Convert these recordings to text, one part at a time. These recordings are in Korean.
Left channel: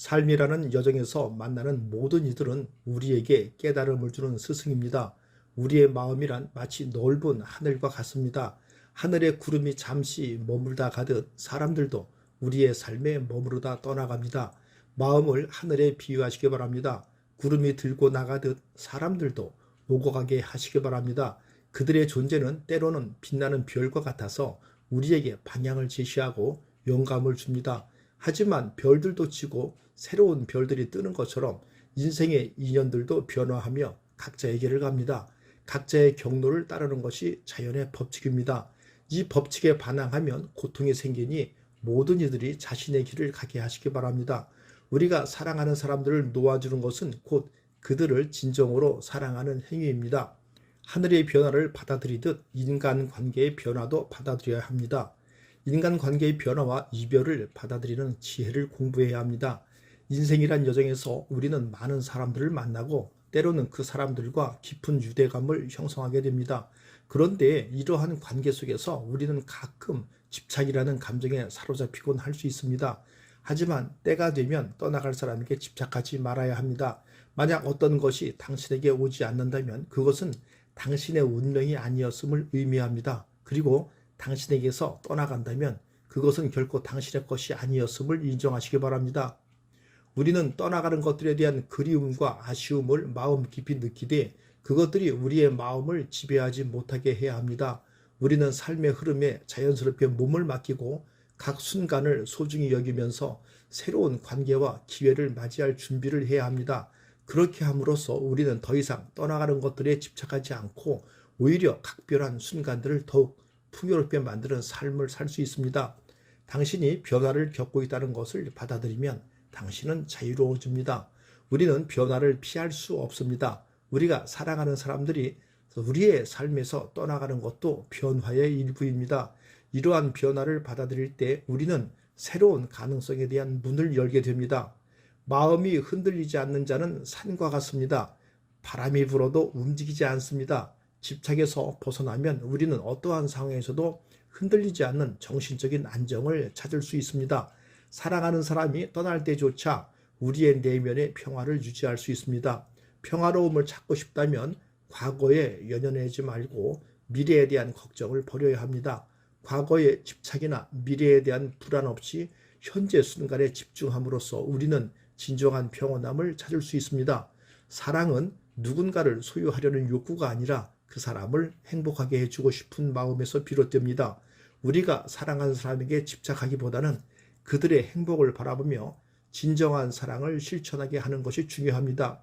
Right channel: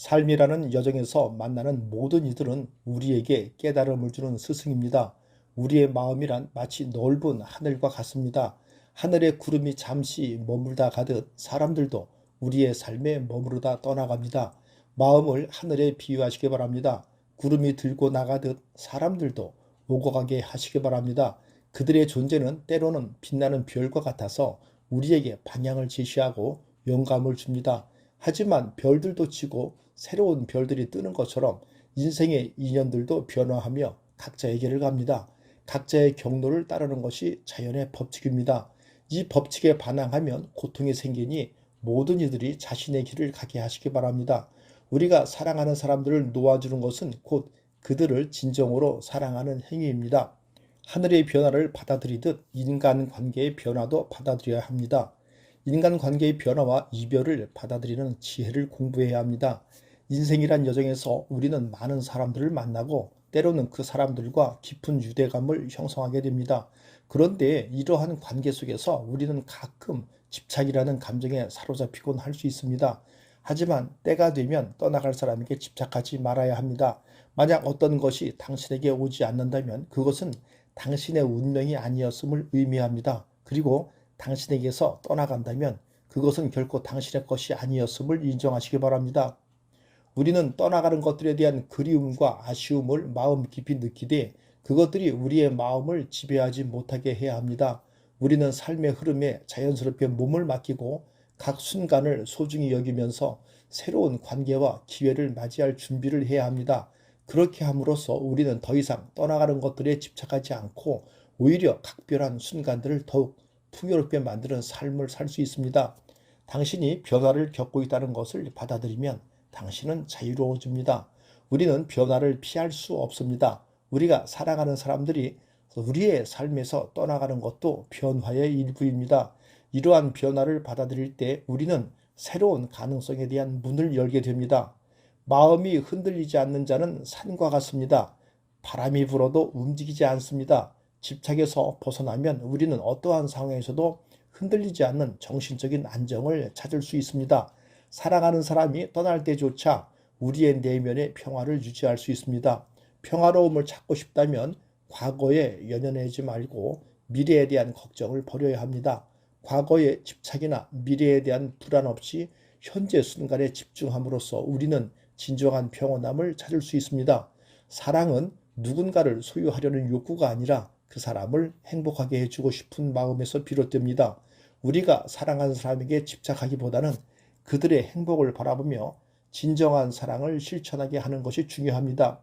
삶이라는 여정에서 만나는 모든 이들은 우리에게 깨달음을 주는 스승입니다. 우리의 마음이란 마치 넓은 하늘과 같습니다. 하늘의 구름이 잠시 머물다 가듯 사람들도 우리의 삶에 머무르다 떠나갑니다. 마음을 하늘에 비유하시기 바랍니다. 구름이 들고 나가듯 사람들도 오고 가게 하시기 바랍니다. 그들의 존재는 때로는 빛나는 별과 같아서 우리에게 방향을 제시하고 영감을 줍니다. 하지만 별들도 지고 새로운 별들이 뜨는 것처럼 인생의 인연들도 변화하며 각자의 길을 갑니다. 각자의 경로를 따르는 것이 자연의 법칙입니다. 이 법칙에 반항하면 고통이 생기니 모든 이들이 자신의 길을 가게 하시기 바랍니다. 우리가 사랑하는 사람들을 놓아주는 것은 곧 그들을 진정으로 사랑하는 행위입니다. 하늘의 변화를 받아들이듯 인간관계의 변화도 받아들여야 합니다. 인간관계의 변화와 이별을 받아들이는 지혜를 공부해야 합니다. 인생이란 여정에서 우리는 많은 사람들을 만나고 때로는 그 사람들과 깊은 유대감을 형성하게 됩니다. 그런데 이러한 관계 속에서 우리는 가끔 집착이라는 감정에 사로잡히곤 할 수 있습니다. 하지만 때가 되면 떠나갈 사람에게 집착하지 말아야 합니다. 만약 어떤 것이 당신에게 오지 않는다면 그것은 당신의 운명이 아니었음을 의미합니다. 그리고 당신에게서 떠나간다면 그것은 결코 당신의 것이 아니었음을 인정하시기 바랍니다. 우리는 떠나가는 것들에 대한 그리움과 아쉬움을 마음 깊이 느끼되 그것들이 우리의 마음을 지배하지 못하게 해야 합니다. 우리는 삶의 흐름에 자연스럽게 몸을 맡기고 각 순간을 소중히 여기면서 새로운 관계와 기회를 맞이할 준비를 해야 합니다. 그렇게 함으로써 우리는 더 이상 떠나가는 것들에 집착하지 않고 오히려 각별한 순간들을 더욱 풍요롭게 만드는 삶을 살 수 있습니다. 당신이 변화를 겪고 있다는 것을 받아들이면 당신은 자유로워집니다. 우리는 변화를 피할 수 없습니다. 우리가 사랑하는 사람들이 우리의 삶에서 떠나가는 것도 변화의 일부입니다. 이러한 변화를 받아들일 때 우리는 새로운 가능성에 대한 문을 열게 됩니다. 마음이 흔들리지 않는 자는 산과 같습니다. 바람이 불어도 움직이지 않습니다. 집착에서 벗어나면 우리는 어떠한 상황에서도 흔들리지 않는 정신적인 안정을 찾을 수 있습니다. 사랑하는 사람이 떠날 때조차 우리의 내면의 평화를 유지할 수 있습니다. 평화로움을 찾고 싶다면 과거에 연연하지 말고 미래에 대한 걱정을 버려야 합니다. 과거의 집착이나 미래에 대한 불안 없이 현재 순간에 집중함으로써 우리는 진정한 평온함을 찾을 수 있습니다. 사랑은 누군가를 소유하려는 욕구가 아니라 그 사람을 행복하게 해주고 싶은 마음에서 비롯됩니다. 우리가 사랑하는 사람에게 집착하기보다는 그들의 행복을 바라보며 진정한 사랑을 실천하게 하는 것이 중요합니다.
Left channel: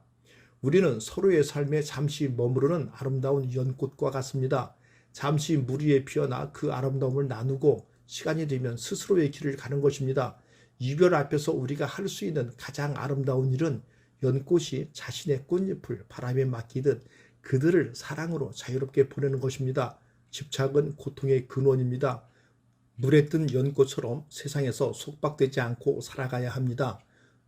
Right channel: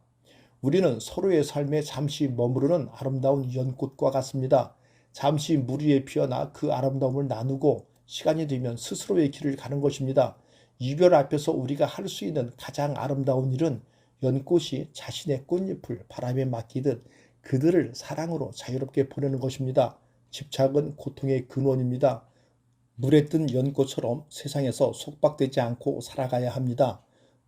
우리는 서로의 삶에 잠시 머무르는 아름다운 연꽃과 같습니다. 잠시 물 위에 피어나 그 아름다움을 나누고 시간이 되면 스스로의 길을 가는 것입니다. 이별 앞에서 우리가 할 수 있는 가장 아름다운 일은 연꽃이 자신의 꽃잎을 바람에 맡기듯 그들을 사랑으로 자유롭게 보내는 것입니다. 집착은 고통의 근원입니다. 물에 뜬 연꽃처럼 세상에서 속박되지 않고 살아가야 합니다.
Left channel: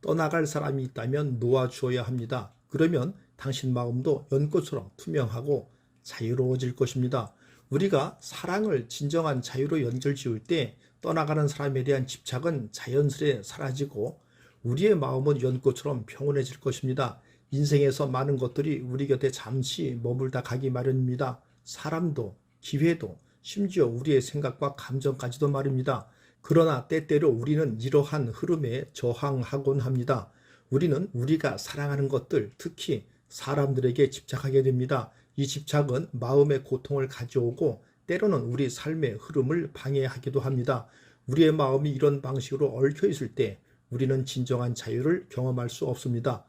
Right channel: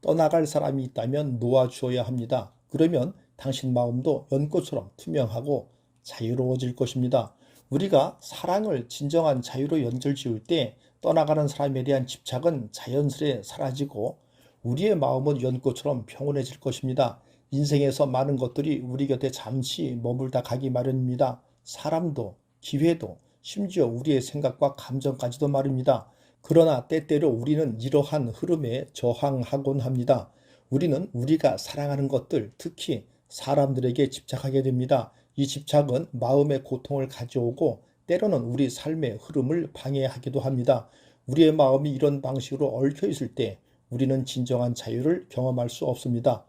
떠나갈 사람이 있다면 놓아주어야 합니다. 그러면 당신 마음도 연꽃처럼 투명하고 자유로워질 것입니다. 우리가 사랑을 진정한 자유로 연결지을 때 떠나가는 사람에 대한 집착은 자연스레 사라지고 우리의 마음은 연꽃처럼 평온해질 것입니다. 인생에서 많은 것들이 우리 곁에 잠시 머물다 가기 마련입니다. 사람도, 기회도, 심지어 우리의 생각과 감정까지도 말입니다. 그러나 때때로 우리는 이러한 흐름에 저항하곤 합니다. 우리는 우리가 사랑하는 것들, 특히 사람들에게 집착하게 됩니다. 이 집착은 마음의 고통을 가져오고 때로는 우리 삶의 흐름을 방해하기도 합니다. 우리의 마음이 이런 방식으로 얽혀 있을 때 우리는 진정한 자유를 경험할 수 없습니다.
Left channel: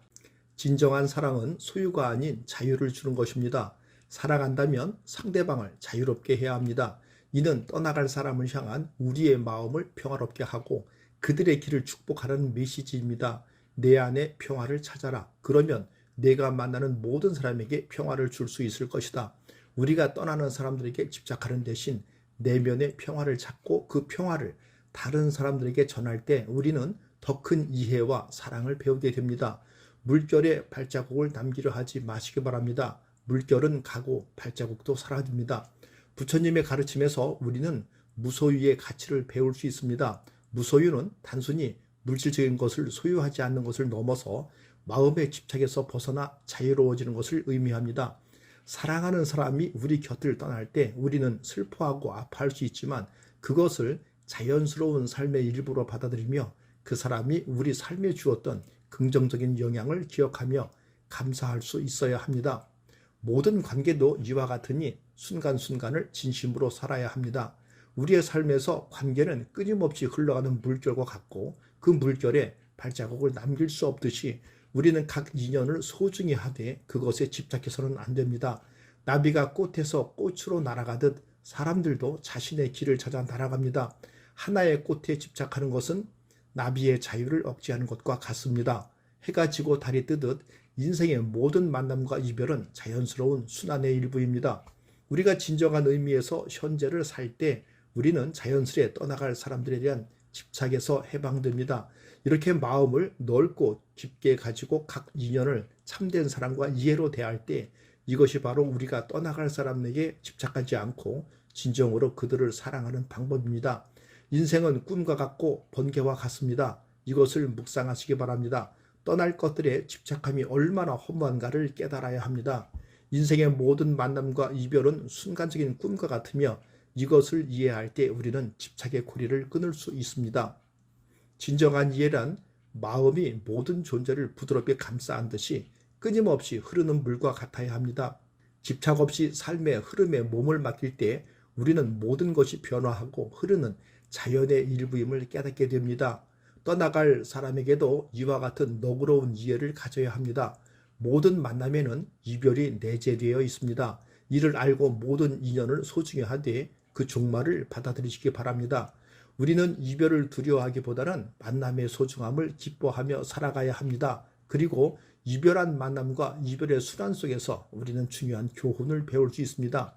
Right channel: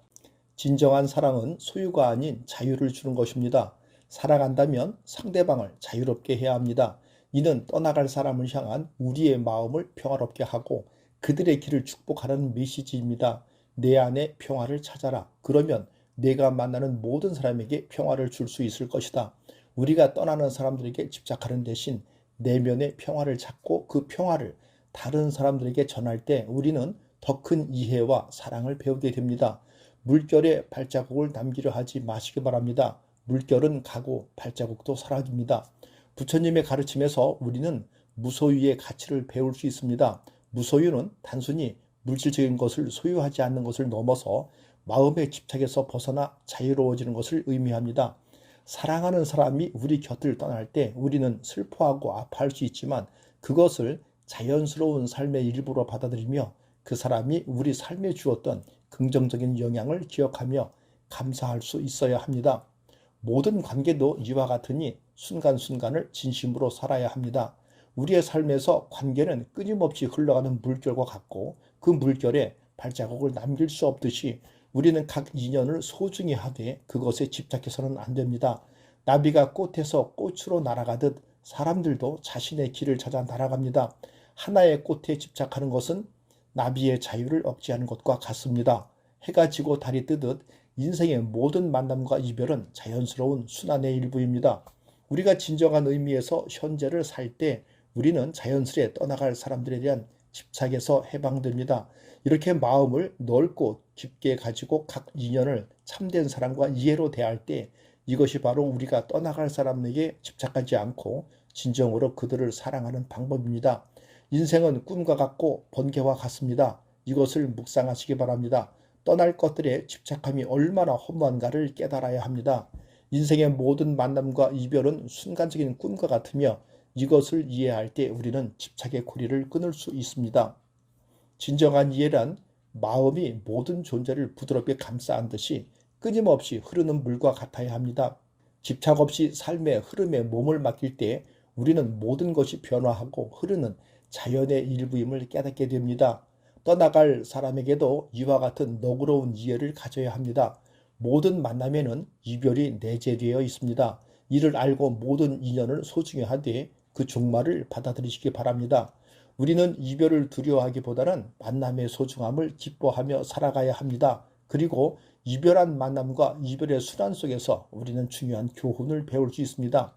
진정한 사랑은 소유가 아닌 자유를 주는 것입니다. 사랑한다면 상대방을 자유롭게 해야 합니다. 이는 떠나갈 사람을 향한 우리의 마음을 평화롭게 하고 그들의 길을 축복하라는 메시지입니다. 내 안에 평화를 찾아라. 그러면 내가 만나는 모든 사람에게 평화를 줄 수 있을 것이다. 우리가 떠나는 사람들에게 집착하는 대신 내면의 평화를 찾고 그 평화를 다른 사람들에게 전할 때 우리는 더 큰 이해와 사랑을 배우게 됩니다. 물결에 발자국을 남기려 하지 마시기 바랍니다. 물결은 가고 발자국도 사라집니다. 부처님의 가르침에서 우리는 무소유의 가치를 배울 수 있습니다. 무소유는 단순히 물질적인 것을 소유하지 않는 것을 넘어서 마음의 집착에서 벗어나 자유로워지는 것을 의미합니다. 사랑하는 사람이 우리 곁을 떠날 때 우리는 슬퍼하고 아파할 수 있지만 그것을 자연스러운 삶의 일부로 받아들이며 그 사람이 우리 삶에 주었던 긍정적인 영향을 기억하며 감사할 수 있어야 합니다. 모든 관계도 이와 같으니 순간순간을 진심으로 살아야 합니다. 우리의 삶에서 관계는 끊임없이 흘러가는 물결과 같고 그 물결에 발자국을 남길 수 없듯이 우리는 각 인연을 소중히 하되 그것에 집착해서는 안 됩니다. 나비가 꽃에서 꽃으로 날아가듯 사람들도 자신의 길을 찾아 날아갑니다. 하나의 꽃에 집착하는 것은 나비의 자유를 억제하는 것과 같습니다. 해가 지고 달이 뜨듯 인생의 모든 만남과 이별은 자연스러운 순환의 일부입니다. 우리가 진정한 의미에서 현재를 살 때 우리는 자연스레 떠나갈 사람들에 대한 집착에서 해방됩니다. 이렇게 마음을 넓고 깊게 가지고 각 인연을 참된 사람과 이해로 대할 때 이것이 바로 우리가 떠나갈 사람에게 집착하지 않고 진정으로 그들을 사랑하는 방법입니다. 인생은 꿈과 같고 번개와 같습니다. 이것을 묵상하시기 바랍니다. 떠날 것들에 집착함이 얼마나 허무한가를 깨달아야 합니다. 인생의 모든 만남과 이별은 순간적인 꿈과 같으며 이것을 이해할 때 우리는 집착의 고리를 끊을 수 있습니다. 진정한 이해란 마음이 모든 존재를 부드럽게 감싸 안듯이 끊임없이 흐르는 물과 같아야 합니다. 집착 없이 삶의 흐름에 몸을 맡길 때 우리는 모든 것이 변화하고 흐르는 자연의 일부임을 깨닫게 됩니다. 떠나갈 사람에게도 이와 같은 너그러운 이해를 가져야 합니다. 모든 만남에는 이별이 내재되어 있습니다. 이를 알고 모든 인연을 소중히 하되 그 종말을 받아들이시기 바랍니다. 우리는 이별을 두려워하기보다는 만남의 소중함을 기뻐하며 살아가야 합니다. 그리고 이별한 만남과 이별의 순환 속에서 우리는 중요한 교훈을 배울 수 있습니다.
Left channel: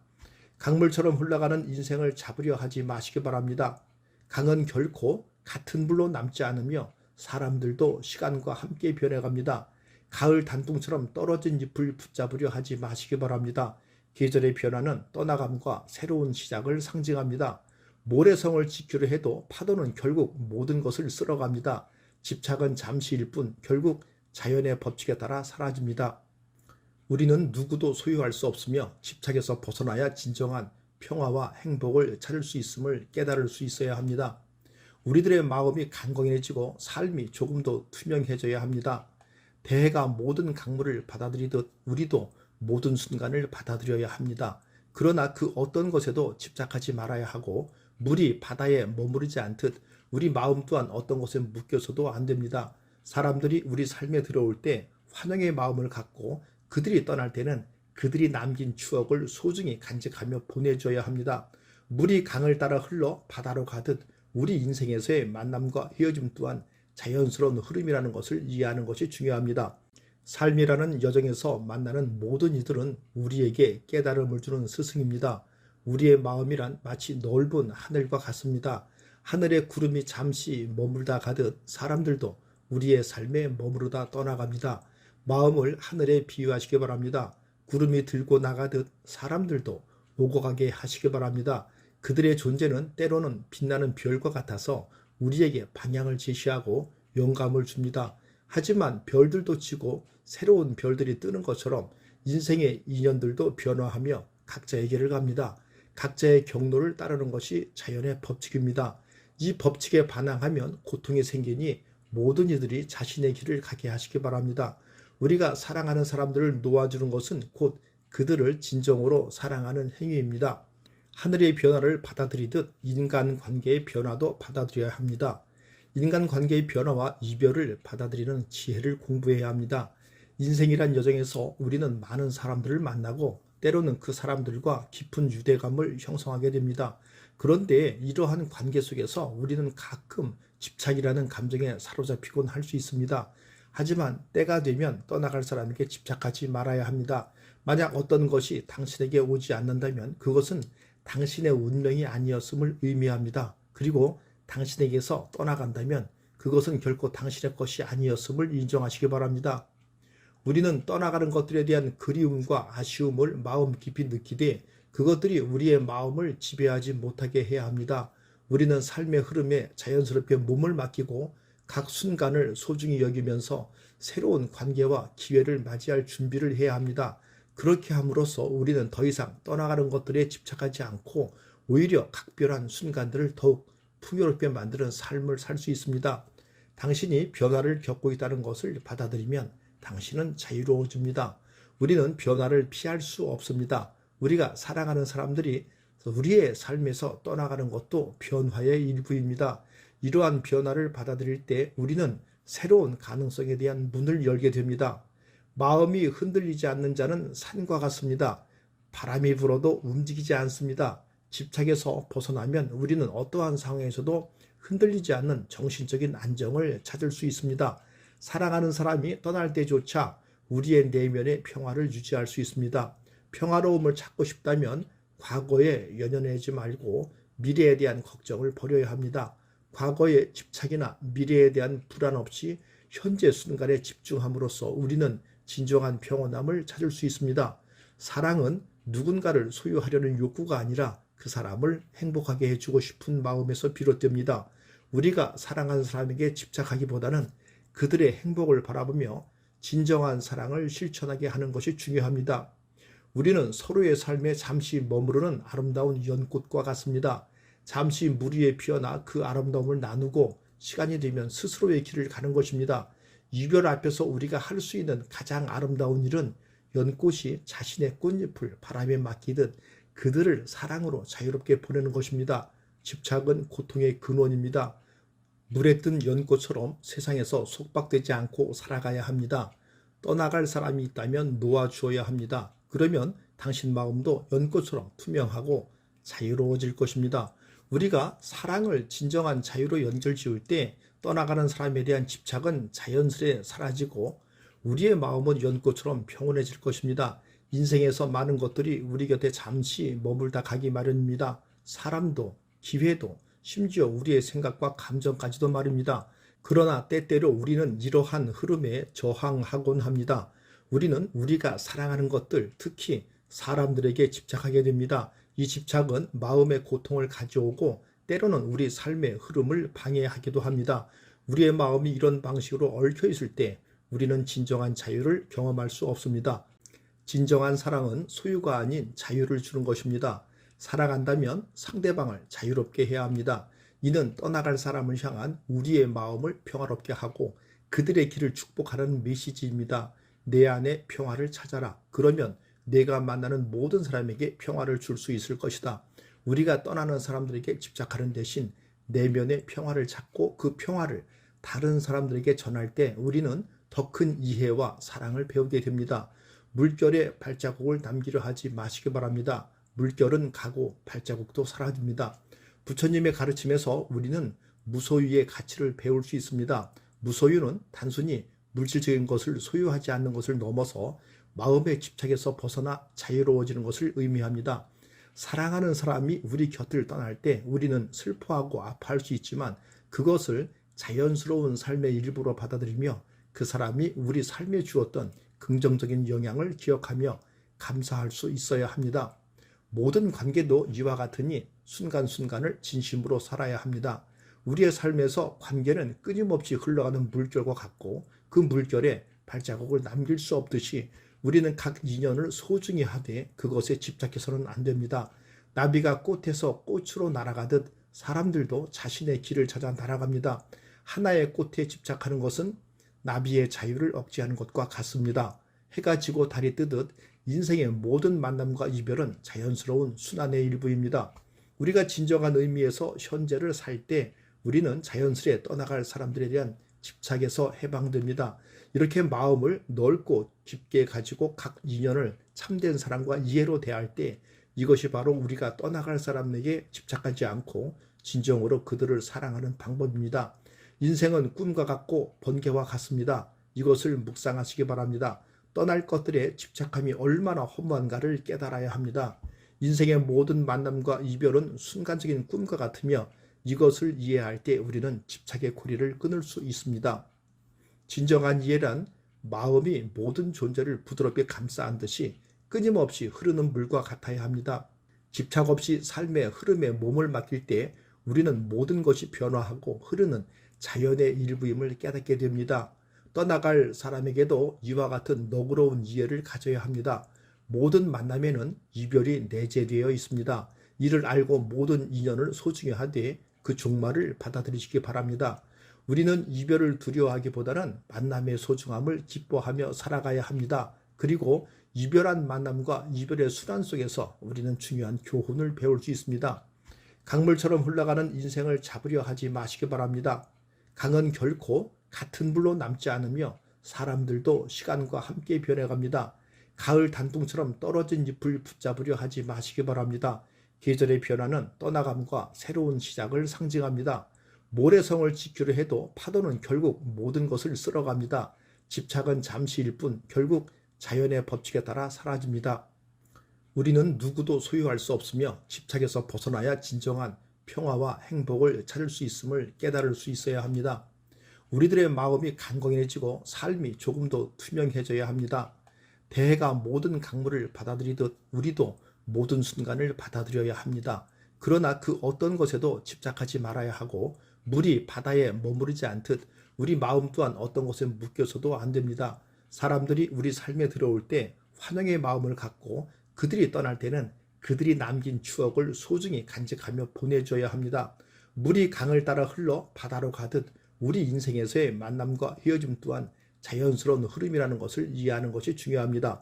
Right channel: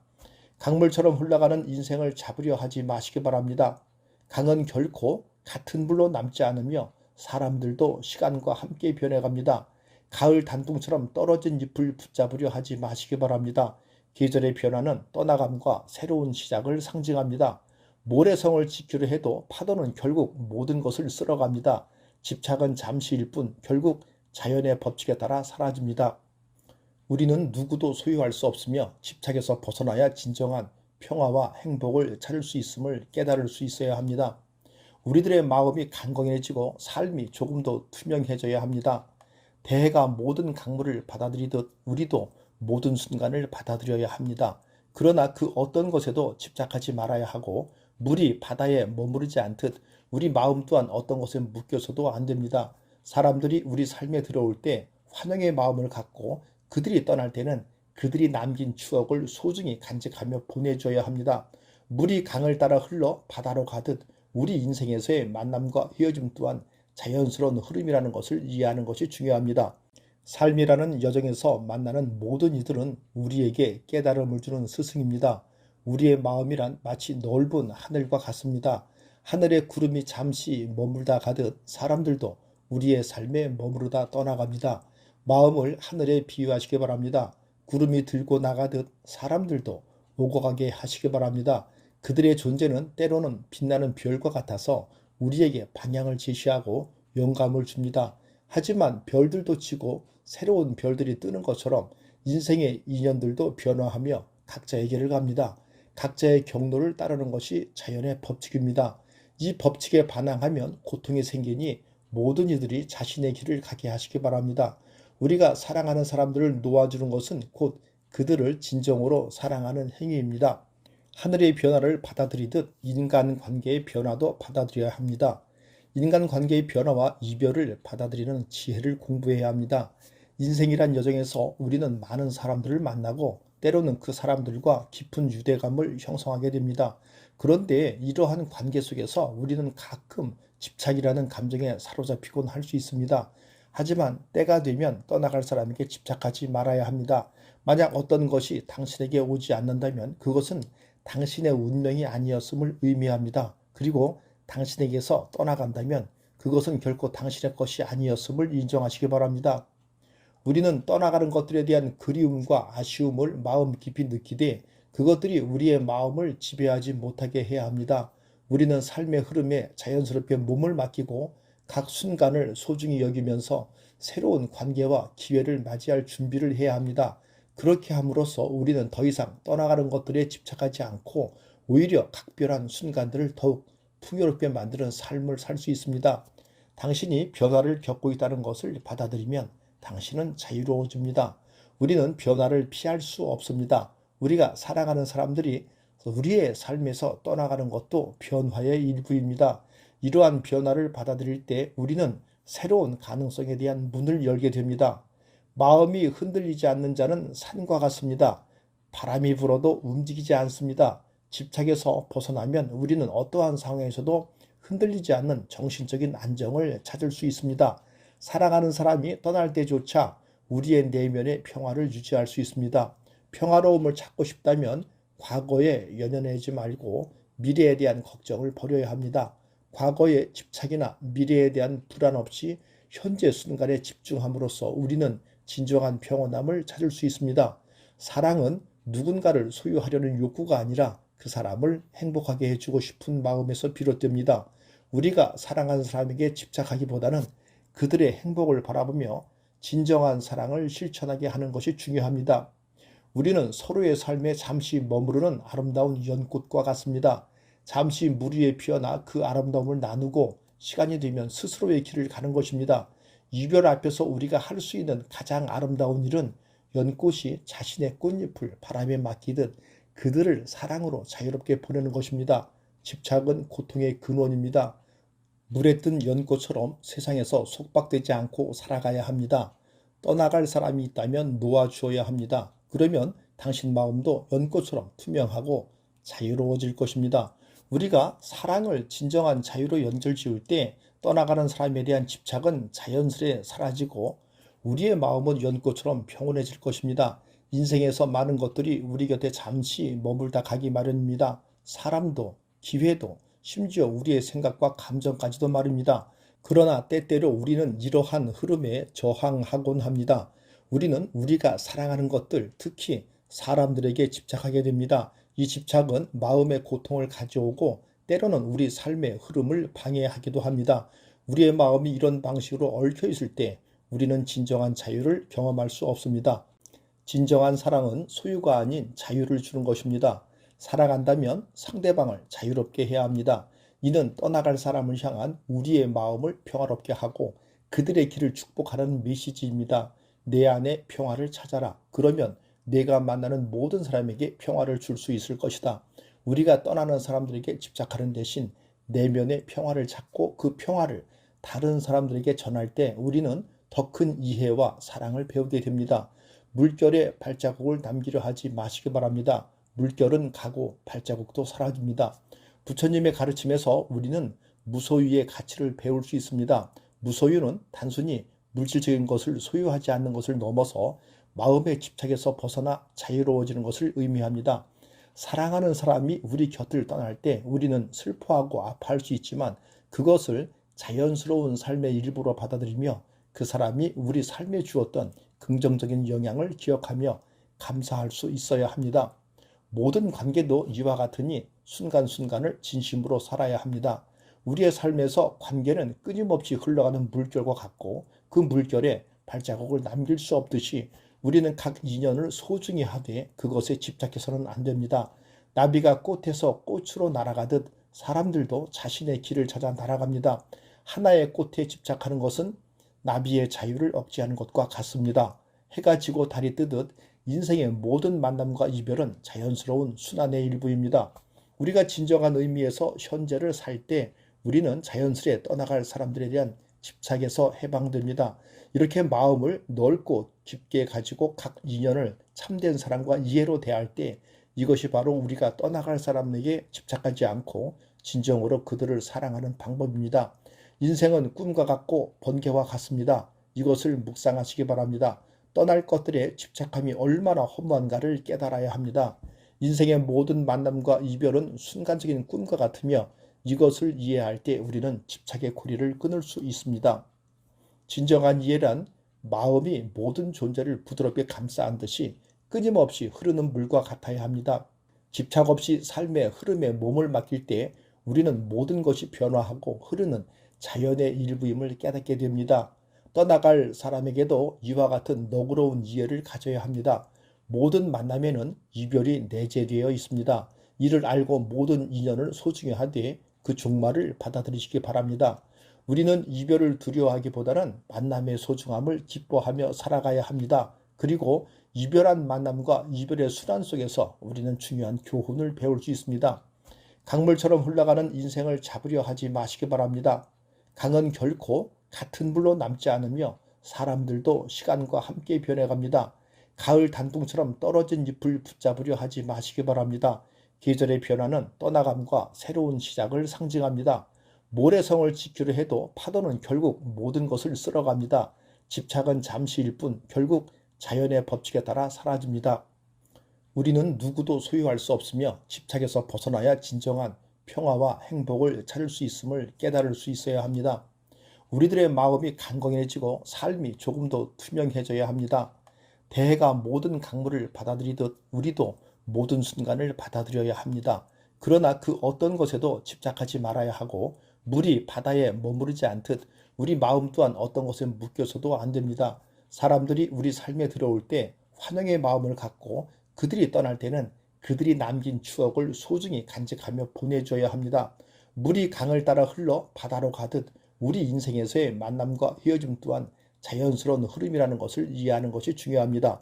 강물처럼 흘러가는 인생을 잡으려 하지 마시기 바랍니다. 강은 결코 같은 물로 남지 않으며 사람들도 시간과 함께 변해갑니다. 가을 단풍처럼 떨어진 잎을 붙잡으려 하지 마시기 바랍니다. 계절의 변화는 떠나감과 새로운 시작을 상징합니다. 모래성을 지키려 해도 파도는 결국 모든 것을 쓸어갑니다. 집착은 잠시일 뿐 결국 자연의 법칙에 따라 사라집니다. 우리는 누구도 소유할 수 없으며 집착에서 벗어나야 진정한 평화와 행복을 찾을 수 있음을 깨달을 수 있어야 합니다. 우리들의 마음이 강건해지고 삶이 조금 더 투명해져야 합니다. 대해가 모든 강물을 받아들이듯 우리도 모든 순간을 받아들여야 합니다. 그러나 그 어떤 것에도 집착하지 말아야 하고 물이 바다에 머무르지 않듯 우리 마음 또한 어떤 것에 묶여서도 안 됩니다. 사람들이 우리 삶에 들어올 때 환영의 마음을 갖고 그들이 떠날 때는 그들이 남긴 추억을 소중히 간직하며 보내줘야 합니다. 물이 강을 따라 흘러 바다로 가듯 우리 인생에서의 만남과 헤어짐 또한 자연스러운 흐름이라는 것을 이해하는 것이 중요합니다. 삶이라는 여정에서 만나는 모든 이들은 우리에게 깨달음을 주는 스승입니다. 우리의 마음이란 마치 넓은 하늘과 같습니다. 하늘의 구름이 잠시 머물다 가듯 사람들도 우리의 삶에 머무르다 떠나갑니다. 마음을 하늘에 비유하시기 바랍니다. 구름이 들고 나가듯 사람들도 오고 가게 하시기 바랍니다. 그들의 존재는 때로는 빛나는 별과 같아서 우리에게 방향을 제시하고 영감을 줍니다. 하지만 별들도 지고 새로운 별들이 뜨는 것처럼 인생의 인연들도 변화하며 각자의 길을 갑니다. 각자의 경로를 따르는 것이 자연의 법칙입니다. 이 법칙에 반항하면 고통이 생기니 모든 이들이 자신의 길을 가게 하시기 바랍니다. 우리가 사랑하는 사람들을 놓아주는 것은 곧 그들을 진정으로 사랑하는 행위입니다. 하늘의 변화를 받아들이듯 인간관계의 변화도 받아들여야 합니다. 인간관계의 변화와 이별을 받아들이는 지혜를 공부해야 합니다. 인생이란 여정에서 우리는 많은 사람들을 만나고 때로는 그 사람들과 깊은 유대감을 형성하게 됩니다. 그런데 이러한 관계 속에서 우리는 가끔 집착이라는 감정에 사로잡히곤 할 수 있습니다. 하지만 때가 되면 떠나갈 사람에게 집착하지 말아야 합니다. 만약 어떤 것이 당신에게 오지 않는다면 그것은 당신의 운명이 아니었음을 의미합니다. 그리고 당신에게서 떠나간다면 그것은 결코 당신의 것이 아니었음을 인정하시기 바랍니다. 우리는 떠나가는 것들에 대한 그리움과 아쉬움을 마음 깊이 느끼되 그것들이 우리의 마음을 지배하지 못하게 해야 합니다. 우리는 삶의 흐름에 자연스럽게 몸을 맡기고 각 순간을 소중히 여기면서 새로운 관계와 기회를 맞이할 준비를 해야 합니다. 그렇게 함으로써 우리는 더 이상 떠나가는 것들에 집착하지 않고 오히려 각별한 순간들을 더욱 풍요롭게 만드는 삶을 살 수 있습니다. 당신이 변화를 겪고 있다는 것을 받아들이면 당신은 자유로워집니다. 우리는 변화를 피할 수 없습니다. 우리가 사랑하는 사람들이 우리의 삶에서 떠나가는 것도 변화의 일부입니다. 이러한 변화를 받아들일 때 우리는 새로운 가능성에 대한 문을 열게 됩니다. 마음이 흔들리지 않는 자는 산과 같습니다. 바람이 불어도 움직이지 않습니다. 집착에서 벗어나면 우리는 어떠한 상황에서도 흔들리지 않는 정신적인 안정을 찾을 수 있습니다. 사랑하는 사람이 떠날 때조차 우리의 내면의 평화를 유지할 수 있습니다. 평화로움을 찾고 싶다면 과거에 연연하지 말고 미래에 대한 걱정을 버려야 합니다. 과거의 집착이나 미래에 대한 불안 없이 현재 순간에 집중함으로써 우리는 진정한 평온함을 찾을 수 있습니다. 사랑은 누군가를 소유하려는 욕구가 아니라 그 사람을 행복하게 해주고 싶은 마음에서 비롯됩니다. 우리가 사랑하는 사람에게 집착하기보다는 그들의 행복을 바라보며 진정한 사랑을 실천하게 하는 것이 중요합니다. 우리는 서로의 삶에 잠시 머무르는 아름다운 연꽃과 같습니다. 잠시 물 위에 피어나 그 아름다움을 나누고 시간이 되면 스스로의 길을 가는 것입니다. 이별 앞에서 우리가 할 수 있는 가장 아름다운 일은 연꽃이 자신의 꽃잎을 바람에 맡기듯 그들을 사랑으로 자유롭게 보내는 것입니다. 집착은 고통의 근원입니다. 물에 뜬 연꽃처럼 세상에서 속박되지 않고 살아가야 합니다. 떠나갈 사람이 있다면 놓아주어야 합니다. 그러면 당신 마음도 연꽃처럼 투명하고 자유로워질 것입니다. 우리가 사랑을 진정한 자유로 연결지을 때 떠나가는 사람에 대한 집착은 자연스레 사라지고 우리의 마음은 연꽃처럼 평온해질 것입니다. 인생에서 많은 것들이 우리 곁에 잠시 머물다 가기 마련입니다. 사람도, 기회도, 심지어 우리의 생각과 감정까지도 말입니다. 그러나 때때로 우리는 이러한 흐름에 저항하곤 합니다. 우리는 우리가 사랑하는 것들, 특히 사람들에게 집착하게 됩니다. 이 집착은 마음의 고통을 가져오고 때로는 우리 삶의 흐름을 방해하기도 합니다. 우리의 마음이 이런 방식으로 얽혀 있을 때 우리는 진정한 자유를 경험할 수 없습니다. 진정한 사랑은 소유가 아닌 자유를 주는 것입니다. 사랑한다면 상대방을 자유롭게 해야 합니다. 이는 떠나갈 사람을 향한 우리의 마음을 평화롭게 하고 그들의 길을 축복하는 메시지입니다. 내 안에 평화를 찾아라. 그러면 내가 만나는 모든 사람에게 평화를 줄 수 있을 것이다. 우리가 떠나는 사람들에게 집착하는 대신 내면의 평화를 찾고 그 평화를 다른 사람들에게 전할 때 우리는 더 큰 이해와 사랑을 배우게 됩니다. 물결에 발자국을 남기려 하지 마시기 바랍니다. 물결은 가고 발자국도 사라집니다. 부처님의 가르침에서 우리는 무소유의 가치를 배울 수 있습니다. 무소유는 단순히 물질적인 것을 소유하지 않는 것을 넘어서 마음의 집착에서 벗어나 자유로워지는 것을 의미합니다. 사랑하는 사람이 우리 곁을 떠날 때 우리는 슬퍼하고 아파할 수 있지만 그것을 자연스러운 삶의 일부로 받아들이며 그 사람이 우리 삶에 주었던 긍정적인 영향을 기억하며 감사할 수 있어야 합니다. 모든 관계도 이와 같으니 순간순간을 진심으로 살아야 합니다. 우리의 삶에서 관계는 끊임없이 흘러가는 물결과 같고 그 물결에 발자국을 남길 수 없듯이 우리는 각 인연을 소중히 하되 그것에 집착해서는 안 됩니다. 나비가 꽃에서 꽃으로 날아가듯 사람들도 자신의 길을 찾아 날아갑니다. 하나의 꽃에 집착하는 것은 나비의 자유를 억제하는 것과 같습니다. 해가 지고 달이 뜨듯 인생의 모든 만남과 이별은 자연스러운 순환의 일부입니다. 우리가 진정한 의미에서 현재를 살 때 우리는 자연스레 떠나갈 사람들에 대한 집착에서 해방됩니다. 이렇게 마음을 넓고 깊게 가지고 각 인연을 참된 사랑과 이해로 대할 때 이것이 바로 우리가 떠나갈 사람에게 집착하지 않고 진정으로 그들을 사랑하는 방법입니다. 인생은 꿈과 같고 번개와 같습니다. 이것을 묵상하시기 바랍니다. 떠날 것들에 집착함이 얼마나 허무한가를 깨달아야 합니다. 인생의 모든 만남과 이별은 순간적인 꿈과 같으며 이것을 이해할 때 우리는 집착의 고리를 끊을 수 있습니다. 진정한 이해란 마음이 모든 존재를 부드럽게 감싸 안듯이 끊임없이 흐르는 물과 같아야 합니다. 집착 없이 삶의 흐름에 몸을 맡길 때 우리는 모든 것이 변화하고 흐르는 자연의 일부임을 깨닫게 됩니다. 떠나갈 사람에게도 이와 같은 너그러운 이해를 가져야 합니다. 모든 만남에는 이별이 내재되어 있습니다. 이를 알고 모든 인연을 소중히 하되 그 종말을 받아들이시기 바랍니다. 우리는 이별을 두려워하기보다는 만남의 소중함을 기뻐하며 살아가야 합니다. 그리고 이별한 만남과 이별의 순환 속에서 우리는 중요한 교훈을 배울 수 있습니다. 강물처럼 흘러가는 인생을 잡으려 하지 마시기 바랍니다. 강은 결코 같은 물로 남지 않으며 사람들도 시간과 함께 변해갑니다. 가을 단풍처럼 떨어진 잎을 붙잡으려 하지 마시기 바랍니다. 계절의 변화는 떠나감과 새로운 시작을 상징합니다. 모래성을 지키려 해도 파도는 결국 모든 것을 쓸어갑니다. 집착은 잠시일 뿐 결국 자연의 법칙에 따라 사라집니다. 우리는 누구도 소유할 수 없으며 집착에서 벗어나야 진정한 평화와 행복을 찾을 수 있음을 깨달을 수 있어야 합니다. 우리들의 마음이 강건해지고 삶이 조금 더 투명해져야 합니다. 대해가 모든 강물을 받아들이듯 우리도 모든 순간을 받아들여야 합니다. 그러나 그 어떤 것에도 집착하지 말아야 하고 물이 바다에 머무르지 않듯 우리 마음 또한 어떤 것에 묶여서도 안 됩니다. 사람들이 우리 삶에 들어올 때 환영의 마음을 갖고 그들이 떠날 때는 그들이 남긴 추억을 소중히 간직하며 보내줘야 합니다. 물이 강을 따라 흘러 바다로 가듯 우리 인생에서의 만남과 헤어짐 또한 자연스러운 흐름이라는 것을 이해하는 것이 중요합니다.